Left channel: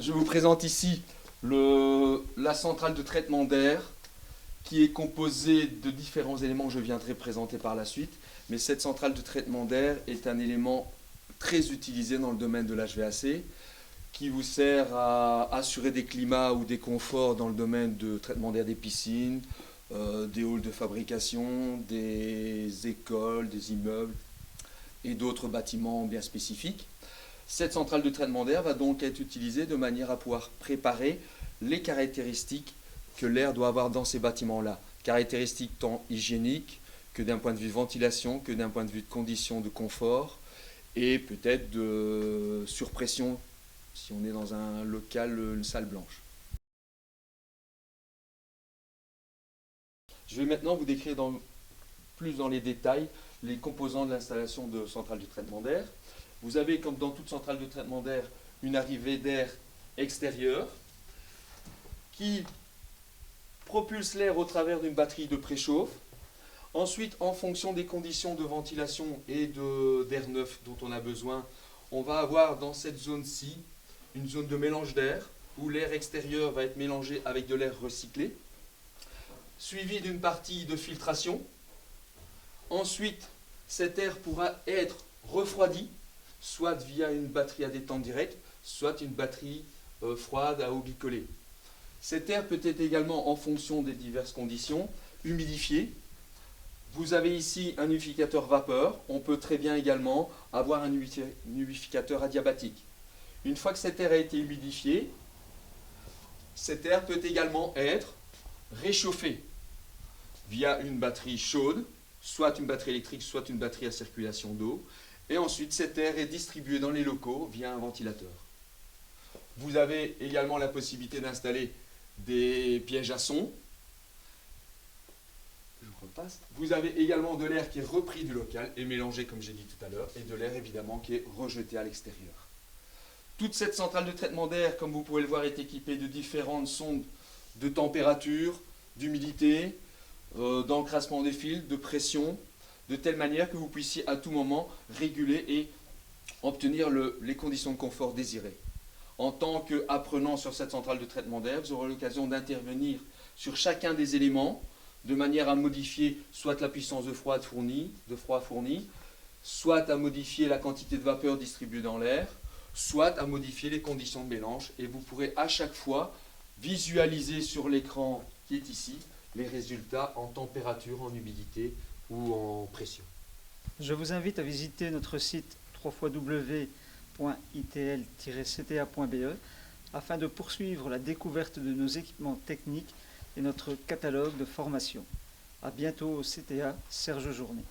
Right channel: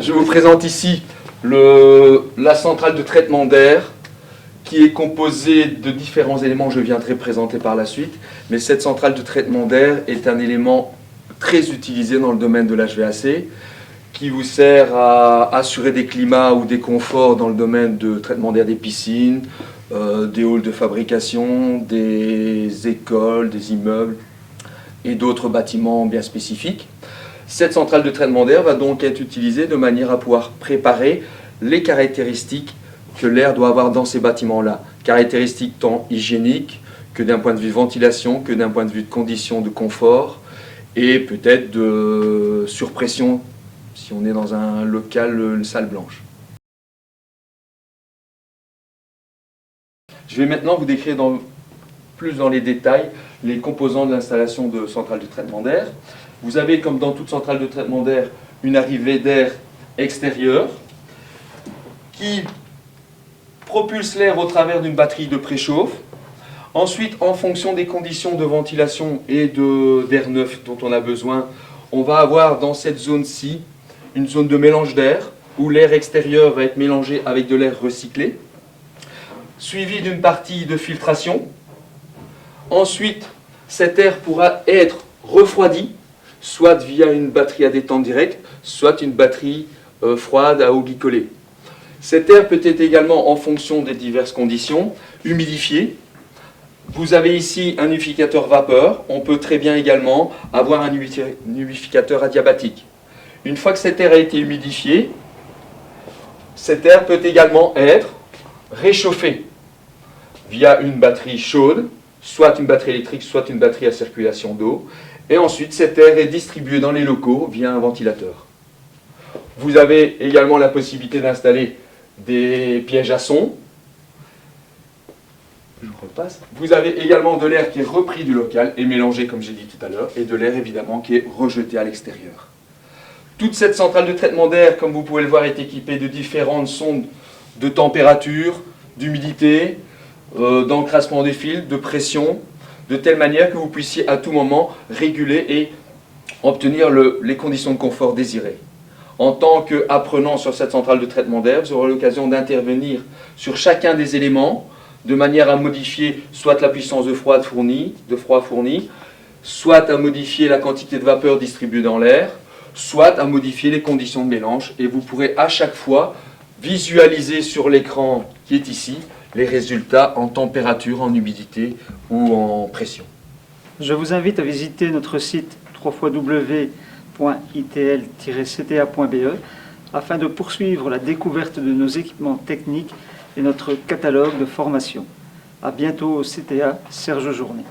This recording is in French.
Je vous présente ici la centrale de traitement d'air qui est composée de différents éléments que je viendrai présenter par la suite. Mais cette centrale de traitement d'air est un élément très utilisé dans le domaine de l'HVAC qui vous sert à assurer des climats ou des conforts dans le domaine de traitement d'air des piscines, des halls de fabrication, des écoles, des immeubles et d'autres bâtiments bien spécifiques. Cette centrale de traitement d'air va donc être utilisée de manière à pouvoir préparer les caractéristiques que l'air doit avoir dans ces bâtiments-là. Caractéristiques tant hygiéniques que d'un point de vue ventilation, que d'un point de vue de conditions de confort et peut-être de surpression si on est dans un local, une salle blanche. Je vais maintenant vous décrire plus dans les détails les composants de l'installation de centrale de traitement d'air. Vous avez, comme dans toute centrale de traitement d'air, une arrivée d'air extérieur qui propulse l'air au travers d'une batterie de préchauffe. Ensuite, en fonction des conditions de ventilation et d'air neuf dont on a besoin, on va avoir dans cette zone-ci une zone de mélange d'air où l'air extérieur va être mélangé avec de l'air recyclé, suivi d'une partie de filtration. Ensuite, cet air pourra être refroidi, soit via une batterie à détente directe, soit une batterie froide à eau glycolée. Cet air peut être également, en fonction des diverses conditions, humidifié. Vous avez ici un humidificateur vapeur. On peut très bien également avoir un humidificateur adiabatique. Une fois que cet air a été humidifié, cet air peut également être réchauffé via une batterie chaude, soit une batterie électrique, soit une batterie à circulation d'eau. Et ensuite, cet air est distribué dans les locaux via un ventilateur. Vous avez également la possibilité d'installer des pièges à son. Je repasse. Vous avez également de l'air qui est repris du local et mélangé, comme j'ai dit tout à l'heure, et de l'air évidemment qui est rejeté à l'extérieur. Toute cette centrale de traitement d'air, comme vous pouvez le voir, est équipée de différentes sondes de température, d'humidité, d'encrassement des fils, de pression, de telle manière que vous puissiez à tout moment réguler et obtenir les conditions de confort désirées. En tant qu'apprenant sur cette centrale de traitement d'air, vous aurez l'occasion d'intervenir sur chacun des éléments de manière à modifier soit la puissance de froid fournie, soit à modifier la quantité de vapeur distribuée dans l'air, soit à modifier les conditions de mélange. Et vous pourrez à chaque fois visualiser sur l'écran qui est ici les résultats en température, en humidité ou en pression. Je vous invite à visiter notre site www.itl-cta.be afin de poursuivre la découverte de nos équipements techniques et notre catalogue de formation. À bientôt au CTA, Serge Journet.